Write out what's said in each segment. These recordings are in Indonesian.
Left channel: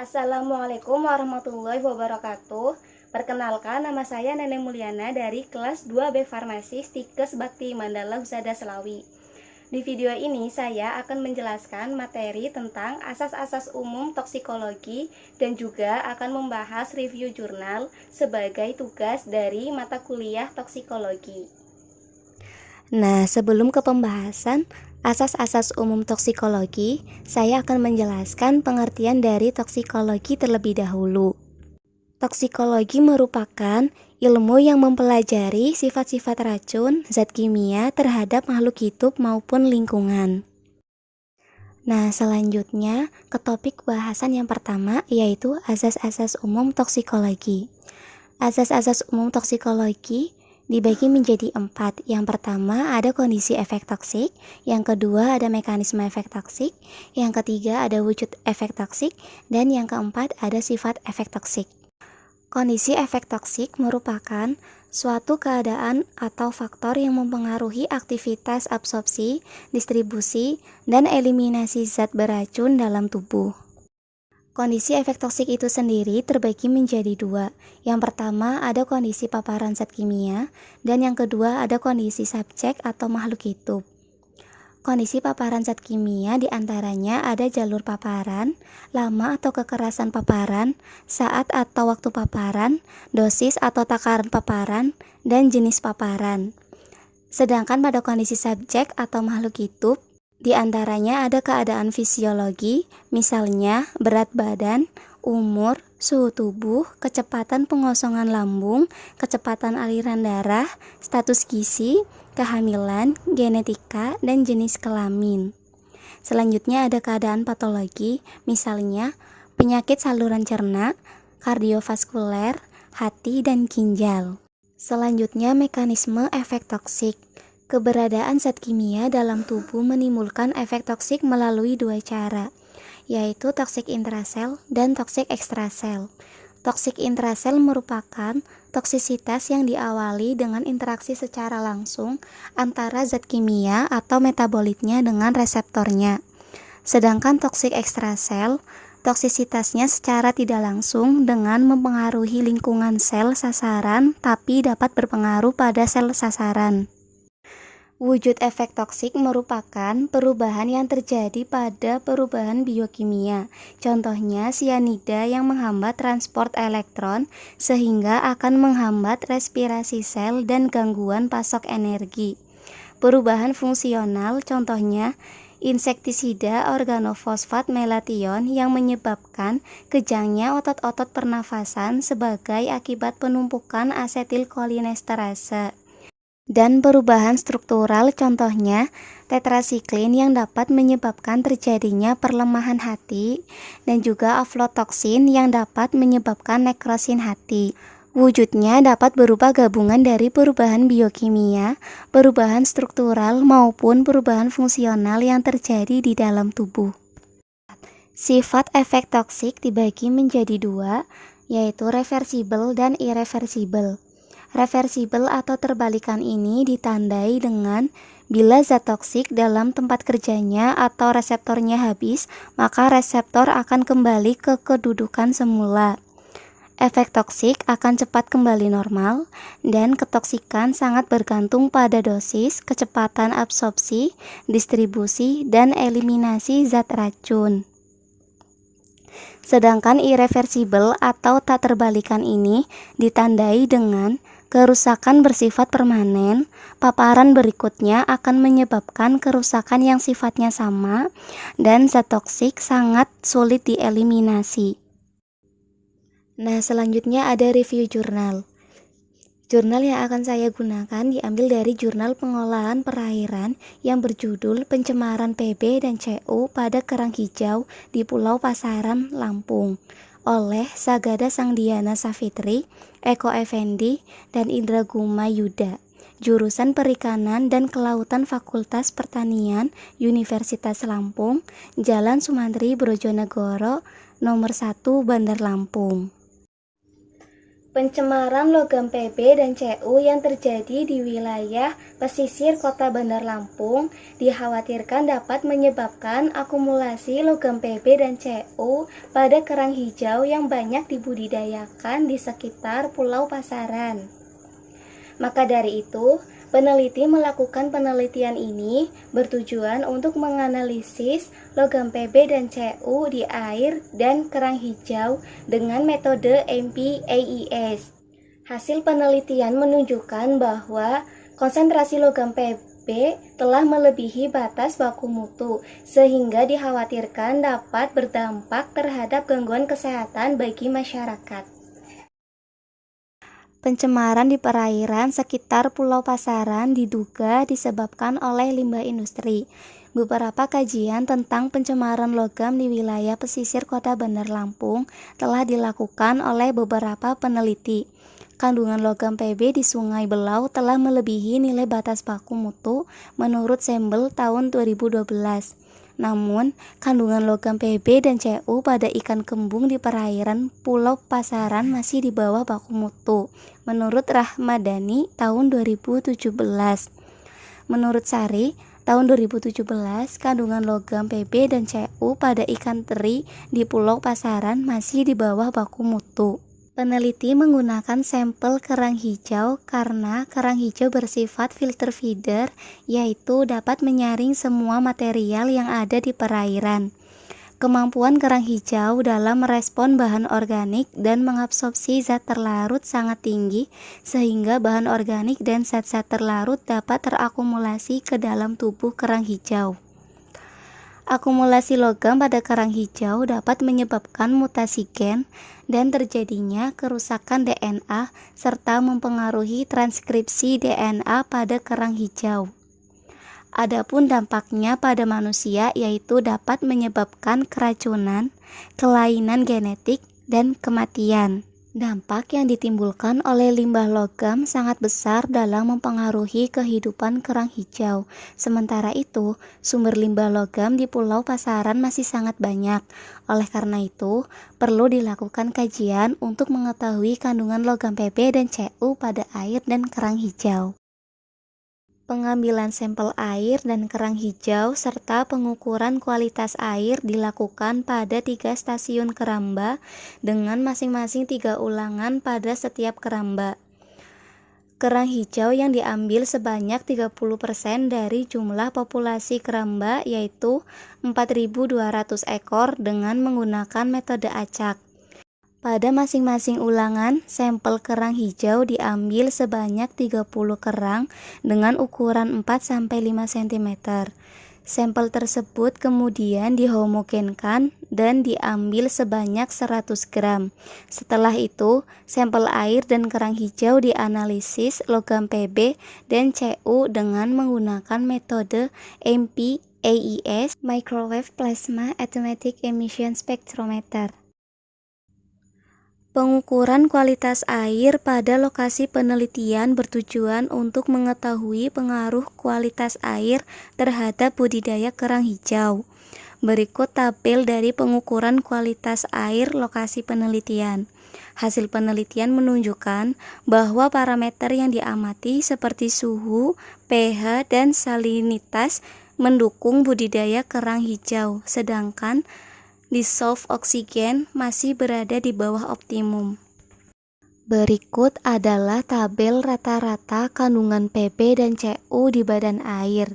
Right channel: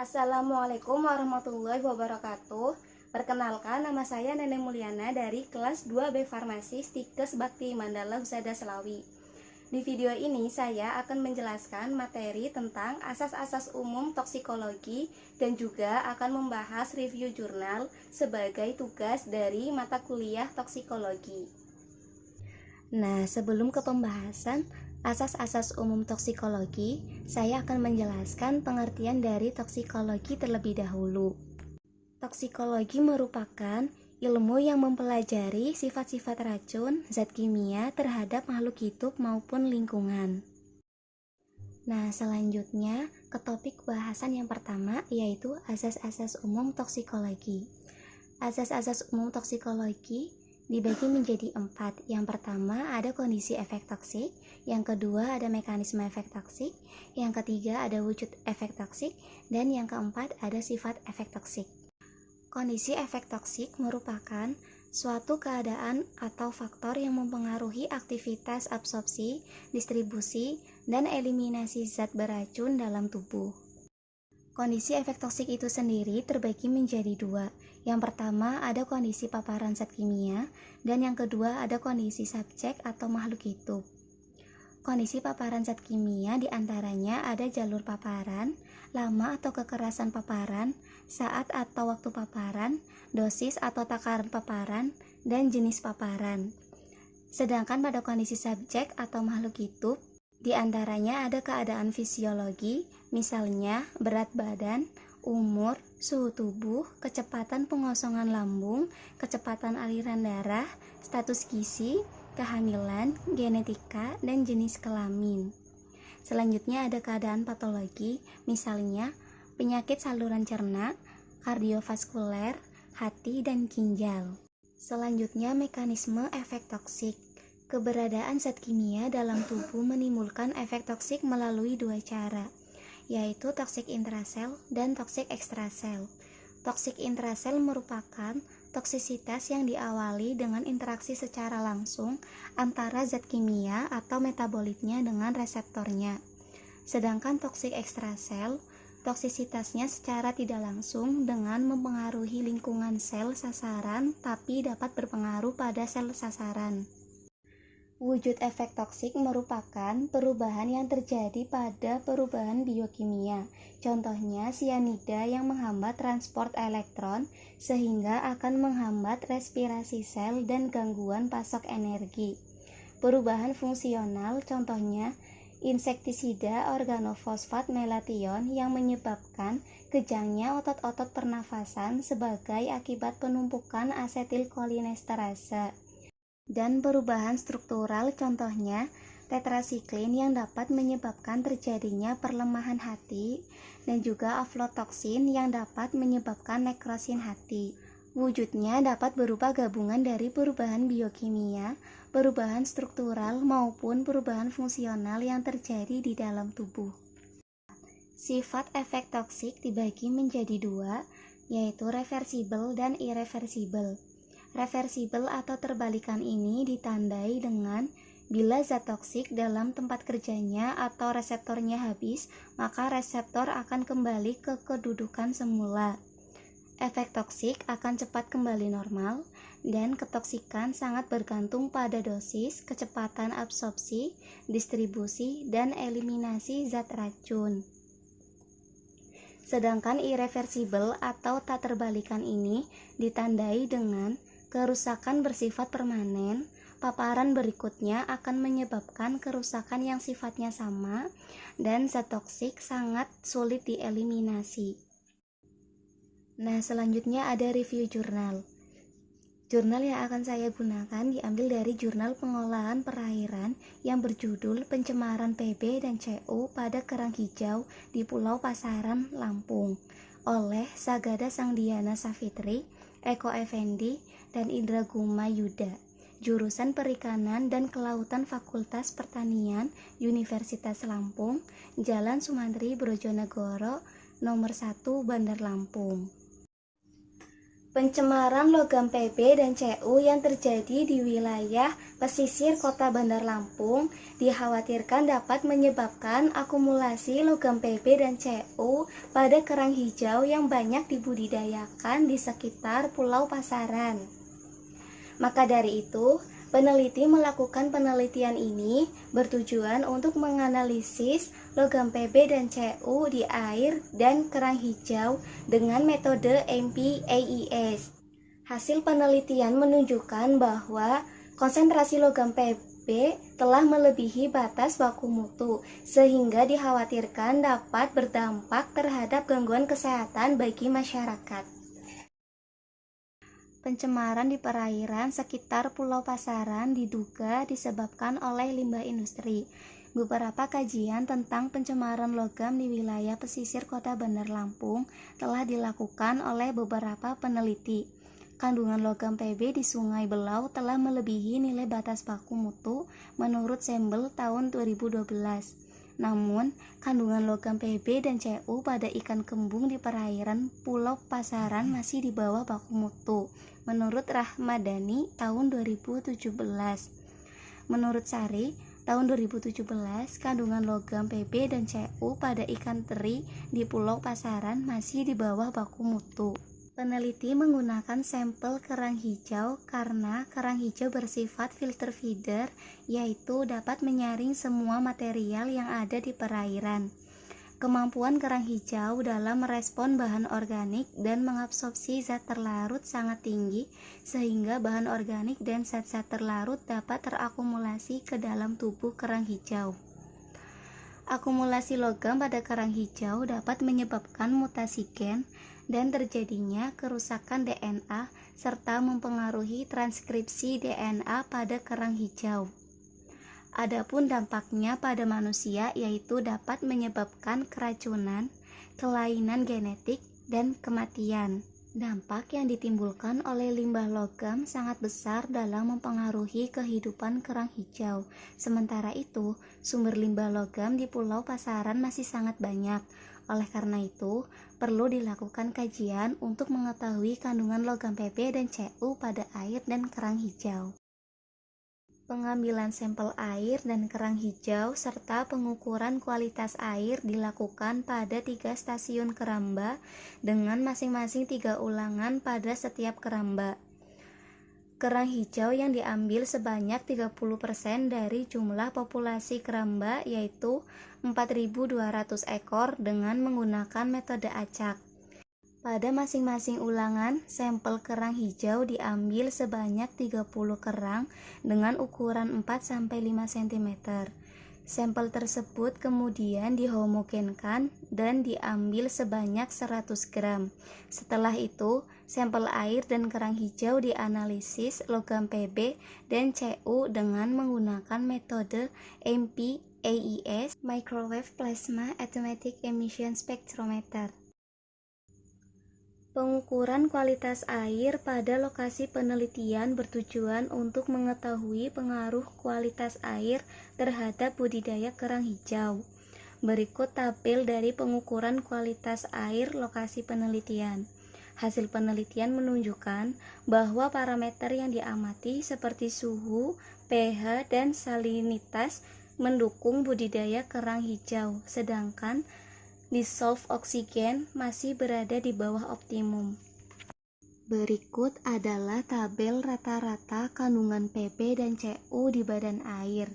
Assalamualaikum warahmatullahi wabarakatuh. Perkenalkan, nama saya Neneng Mulyana dari kelas 2B Farmasi Stikes Bakti Mandala Husada Selawi. Di video ini saya akan menjelaskan materi tentang asas-asas umum toksikologi dan juga akan membahas review jurnal sebagai tugas dari mata kuliah toksikologi. Nah, sebelum ke pembahasan asas-asas umum toksikologi, saya akan menjelaskan pengertian dari toksikologi terlebih dahulu. Toksikologi merupakan ilmu yang mempelajari sifat-sifat racun, zat kimia terhadap makhluk hidup maupun lingkungan. Nah, selanjutnya ke topik bahasan yang pertama, yaitu asas-asas umum toksikologi. Asas-asas umum toksikologi dibagi menjadi 4. Yang pertama ada kondisi efek toksik, yang kedua ada mekanisme efek toksik, yang ketiga ada wujud efek toksik, dan yang keempat ada sifat efek toksik. Kondisi efek toksik merupakan suatu keadaan atau faktor yang mempengaruhi aktivitas absorpsi, distribusi, dan eliminasi zat beracun dalam tubuh. Kondisi efek toksik itu sendiri terbagi menjadi 2. Yang pertama ada kondisi paparan zat kimia, dan yang kedua ada kondisi subjek atau makhluk hidup. Kondisi paparan zat kimia diantaranya ada jalur paparan, lama atau kekerasan paparan, saat atau waktu paparan, dosis atau takaran paparan, dan jenis paparan. Sedangkan pada kondisi subjek atau makhluk hidup, di antaranya ada keadaan fisiologi, misalnya berat badan, umur, suhu tubuh, kecepatan pengosongan lambung, kecepatan aliran darah, status gizi, kehamilan, genetika, dan jenis kelamin. Selanjutnya ada keadaan patologi, misalnya penyakit saluran cerna, kardiovaskuler, hati, dan ginjal. Selanjutnya mekanisme efek toksik. Keberadaan zat kimia dalam tubuh menimbulkan efek toksik melalui 2 cara, yaitu toksik intrasel dan toksik ekstrasel. Toksik intrasel merupakan toksisitas yang diawali dengan interaksi secara langsung antara zat kimia atau metabolitnya dengan reseptornya. Sedangkan toksik ekstrasel, toksisitasnya secara tidak langsung dengan mempengaruhi lingkungan sel sasaran tapi dapat berpengaruh pada sel sasaran. Wujud efek toksik merupakan perubahan yang terjadi pada perubahan biokimia. Contohnya sianida yang menghambat transport elektron sehingga akan menghambat respirasi sel dan gangguan pasok energi. Perubahan fungsional contohnya insektisida organofosfat melation yang menyebabkan kejangnya otot-otot pernafasan sebagai akibat penumpukan asetilkolinesterase. Dan perubahan struktural contohnya tetrasiklin yang dapat menyebabkan terjadinya perlemahan hati dan juga aflatoksin yang dapat menyebabkan nekrosin hati. Wujudnya dapat berupa gabungan dari perubahan biokimia, perubahan struktural maupun perubahan fungsional yang terjadi di dalam tubuh. Sifat efek toksik dibagi menjadi 2, yaitu reversibel dan irreversibel. Reversibel atau terbalikan ini ditandai dengan bila zat toksik dalam tempat kerjanya atau reseptornya habis, maka reseptor akan kembali ke kedudukan semula. Efek toksik akan cepat kembali normal, dan ketoksikan sangat bergantung pada dosis, kecepatan absorpsi, distribusi, dan eliminasi zat racun. Sedangkan irreversibel atau tak terbalikan ini ditandai dengan kerusakan bersifat permanen. Paparan berikutnya akan menyebabkan kerusakan yang sifatnya sama dan zat toksik sangat sulit dieliminasi. Nah, selanjutnya ada review jurnal. Jurnal yang akan saya gunakan diambil dari Jurnal Pengolahan Perairan yang berjudul Pencemaran PB dan CO pada Kerang Hijau di Pulau Pasaran, Lampung oleh Sagada Sangdiana Safitri, Eko Effendi, dan Indra Guma Yuda, jurusan Perikanan dan Kelautan Fakultas Pertanian Universitas Lampung, Jalan Sumantri Brojonegoro, nomor 1 Bandar Lampung. Pencemaran logam Pb dan Cu yang terjadi di wilayah pesisir Kota Bandar Lampung dikhawatirkan dapat menyebabkan akumulasi logam Pb dan Cu pada kerang hijau yang banyak dibudidayakan di sekitar Pulau Pasaran. Maka dari itu, peneliti melakukan penelitian ini bertujuan untuk menganalisis logam Pb dan Cu di air dan kerang hijau dengan metode MPAES. Hasil penelitian menunjukkan bahwa konsentrasi logam Pb telah melebihi batas baku mutu, sehingga dikhawatirkan dapat berdampak terhadap gangguan kesehatan bagi masyarakat. Pencemaran di perairan sekitar Pulau Pasaran diduga disebabkan oleh limbah industri. Beberapa kajian tentang pencemaran logam di wilayah pesisir Kota Bandar Lampung telah dilakukan oleh beberapa peneliti. Kandungan logam Pb di Sungai Belau telah melebihi nilai batas baku mutu menurut sampel tahun 2012. Namun, kandungan logam Pb dan Cu pada ikan kembung di perairan Pulau Pasaran masih di bawah baku mutu, menurut Rahmadani tahun 2017. Menurut Sari, tahun 2017, kandungan logam Pb dan Cu pada ikan teri di Pulau Pasaran masih di bawah baku mutu. Peneliti menggunakan sampel kerang hijau karena kerang hijau bersifat filter feeder, yaitu dapat menyaring semua material yang ada di perairan. Kemampuan kerang hijau dalam merespon bahan organik dan mengabsorpsi zat terlarut sangat tinggi, sehingga bahan organik dan zat-zat terlarut dapat terakumulasi ke dalam tubuh kerang hijau. Akumulasi logam pada kerang hijau dapat menyebabkan mutasi gen dan terjadinya kerusakan DNA serta mempengaruhi transkripsi DNA pada kerang hijau. Adapun dampaknya pada manusia yaitu dapat menyebabkan keracunan, kelainan genetik, dan kematian. Dampak yang ditimbulkan oleh limbah logam sangat besar dalam mempengaruhi kehidupan kerang hijau. Sementara itu, sumber limbah logam di Pulau Pasaran masih sangat banyak. Oleh karena itu, perlu dilakukan kajian untuk mengetahui kandungan logam Pb dan Cu pada air dan kerang hijau. Pengambilan sampel air dan kerang hijau serta pengukuran kualitas air dilakukan pada 3 stasiun keramba dengan masing-masing 3 ulangan pada setiap keramba. Kerang hijau yang diambil sebanyak 30% dari jumlah populasi keramba yaitu 4.200 ekor dengan menggunakan metode acak. Pada masing-masing ulangan, sampel kerang hijau diambil sebanyak 30 kerang dengan ukuran 4-5 cm. Sampel tersebut kemudian dihomogenkan dan diambil sebanyak 100 gram. Setelah itu, sampel air dan kerang hijau dianalisis logam Pb dan Cu dengan menggunakan metode MPAES Microwave Plasma Automatic Emission Spectrometer. Pengukuran kualitas air pada lokasi penelitian bertujuan untuk mengetahui pengaruh kualitas air terhadap budidaya kerang hijau. Berikut tabel dari pengukuran kualitas air lokasi penelitian. Hasil penelitian menunjukkan bahwa parameter yang diamati seperti suhu, pH, dan salinitas mendukung budidaya kerang hijau, sedangkan dissolved oksigen masih berada di bawah optimum. Berikut adalah tabel rata-rata kandungan Pb dan Cu di badan air.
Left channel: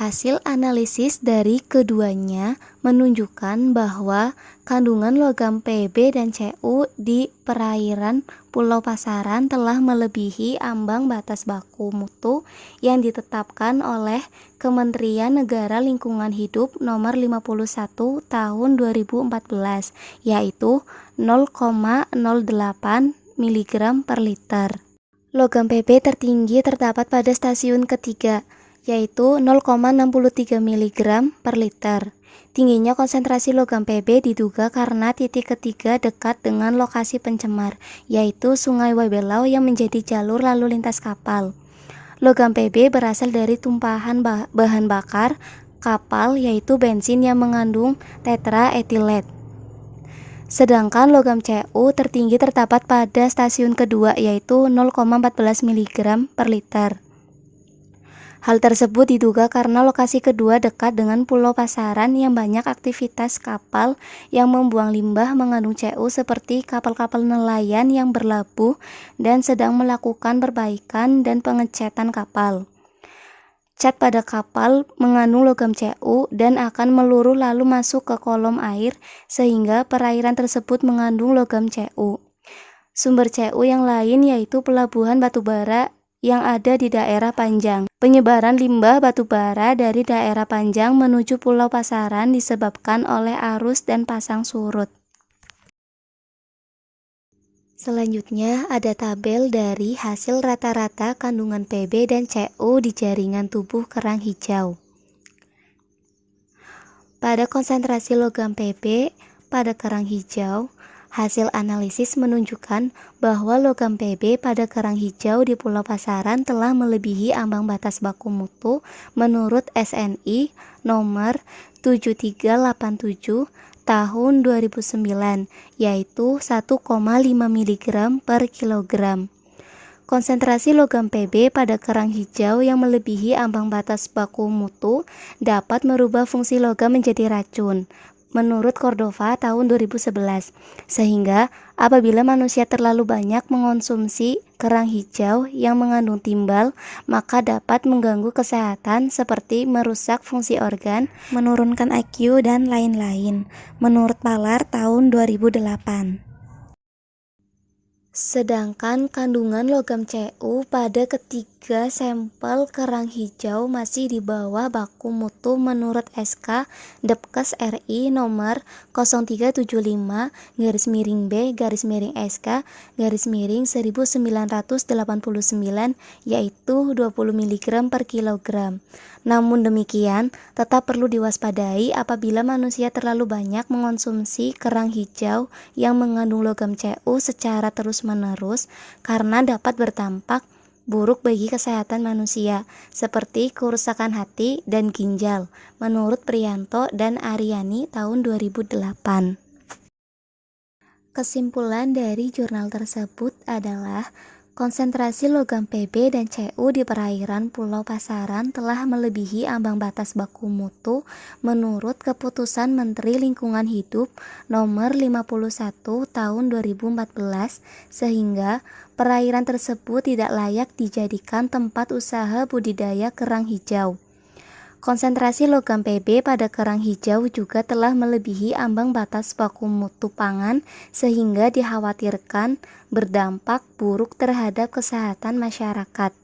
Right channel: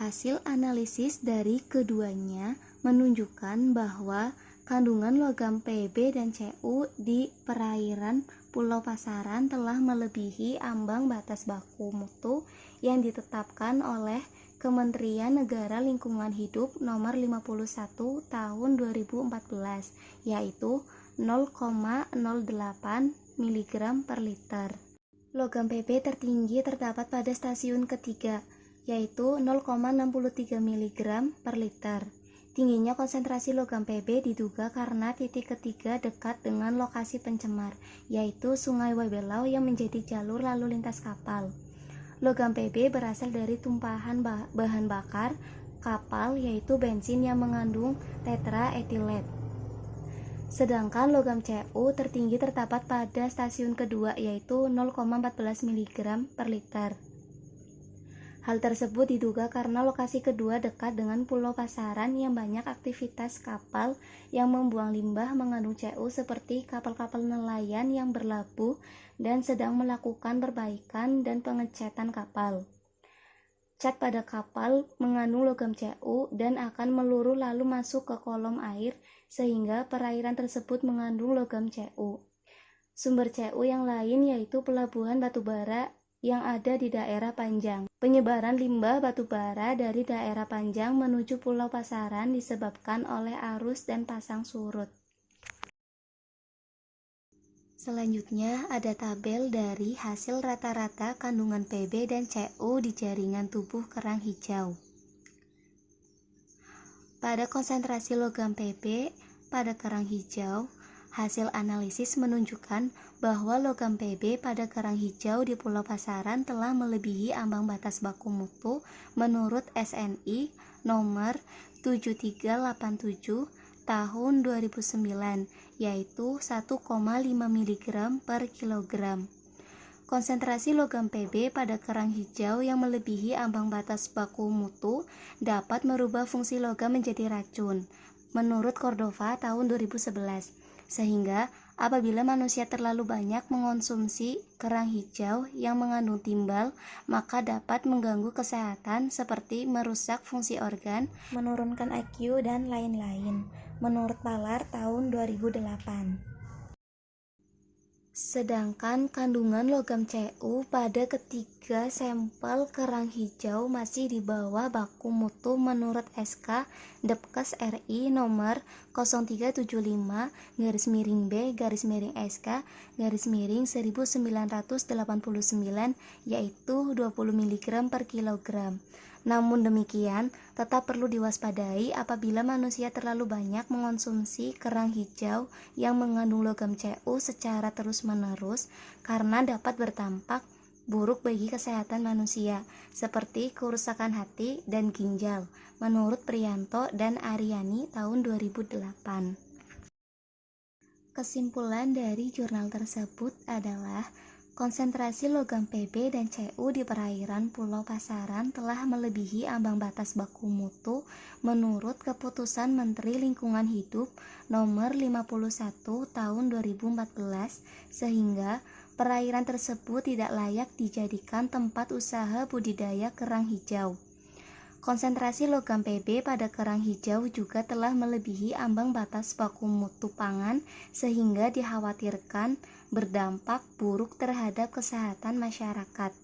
Hasil analisis dari keduanya menunjukkan bahwa kandungan logam Pb dan Cu di perairan Pulau Pasaran telah melebihi ambang batas baku mutu yang ditetapkan oleh Kementerian Negara Lingkungan Hidup Nomor 51 Tahun 2014, yaitu 0,08 mg per liter. Logam Pb tertinggi terdapat pada stasiun ketiga, yaitu 0,63 mg per liter. Tingginya konsentrasi logam Pb diduga karena titik ketiga dekat dengan lokasi pencemar, yaitu Sungai Wabelau yang menjadi jalur lalu lintas kapal. Logam Pb berasal dari tumpahan bahan bakar kapal, yaitu bensin yang mengandung tetraetilet. Sedangkan logam Cu tertinggi terdapat pada stasiun kedua yaitu 0,14 mg per liter. Hal tersebut diduga karena lokasi kedua dekat dengan Pulau Pasaran yang banyak aktivitas kapal yang membuang limbah mengandung Cu seperti kapal-kapal nelayan yang berlabuh dan sedang melakukan perbaikan dan pengecatan kapal. Cat pada kapal mengandung logam Cu dan akan meluruh lalu masuk ke kolom air sehingga perairan tersebut mengandung logam Cu. Sumber Cu yang lain yaitu pelabuhan batubara yang ada di daerah Panjang. Penyebaran limbah batubara dari daerah Panjang menuju Pulau Pasaran disebabkan oleh arus dan pasang surut. Selanjutnya ada tabel dari hasil rata-rata kandungan Pb dan Cu di jaringan tubuh kerang hijau. Pada konsentrasi logam Pb pada kerang hijau, hasil analisis menunjukkan bahwa logam Pb pada kerang hijau di Pulau Pasaran telah melebihi ambang batas baku mutu menurut SNI nomor 7387 tahun 2009, yaitu 1,5 mg per kilogram. Konsentrasi logam Pb pada kerang hijau yang melebihi ambang batas baku mutu dapat merubah fungsi logam menjadi racun, menurut Cordova tahun 2011, sehingga apabila manusia terlalu banyak mengonsumsi kerang hijau yang mengandung timbal, maka dapat mengganggu kesehatan seperti merusak fungsi organ, menurunkan IQ, dan lain-lain, menurut Palar tahun 2008. Sedangkan kandungan logam Cu pada ketiga sampel kerang hijau masih di bawah baku mutu menurut SK Depkes RI nomor 0375-SK-1989 yaitu 20 mg per kilogram. Namun demikian, tetap perlu diwaspadai apabila manusia terlalu banyak mengonsumsi kerang hijau yang mengandung logam Cu secara terus-menerus karena dapat berdampak buruk bagi kesehatan manusia, seperti kerusakan hati dan ginjal, menurut Priyanto dan Aryani tahun 2008. Kesimpulan dari jurnal tersebut adalah konsentrasi logam Pb dan Cu di perairan Pulau Pasaran telah melebihi ambang batas baku mutu menurut Keputusan Menteri Lingkungan Hidup Nomor 51 Tahun 2014, sehingga perairan tersebut tidak layak dijadikan tempat usaha budidaya kerang hijau. Konsentrasi logam Pb pada kerang hijau juga telah melebihi ambang batas baku mutu pangan sehingga dikhawatirkan berdampak buruk terhadap kesehatan masyarakat.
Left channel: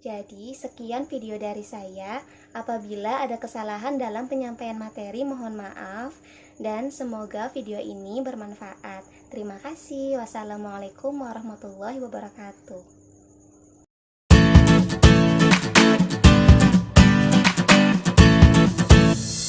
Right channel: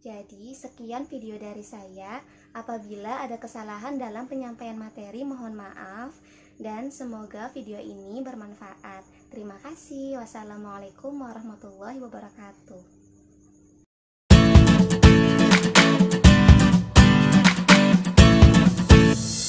Jadi, sekian video dari saya. Apabila ada kesalahan dalam penyampaian materi, mohon maaf dan semoga video ini bermanfaat. Terima kasih. Wassalamualaikum warahmatullahi wabarakatuh.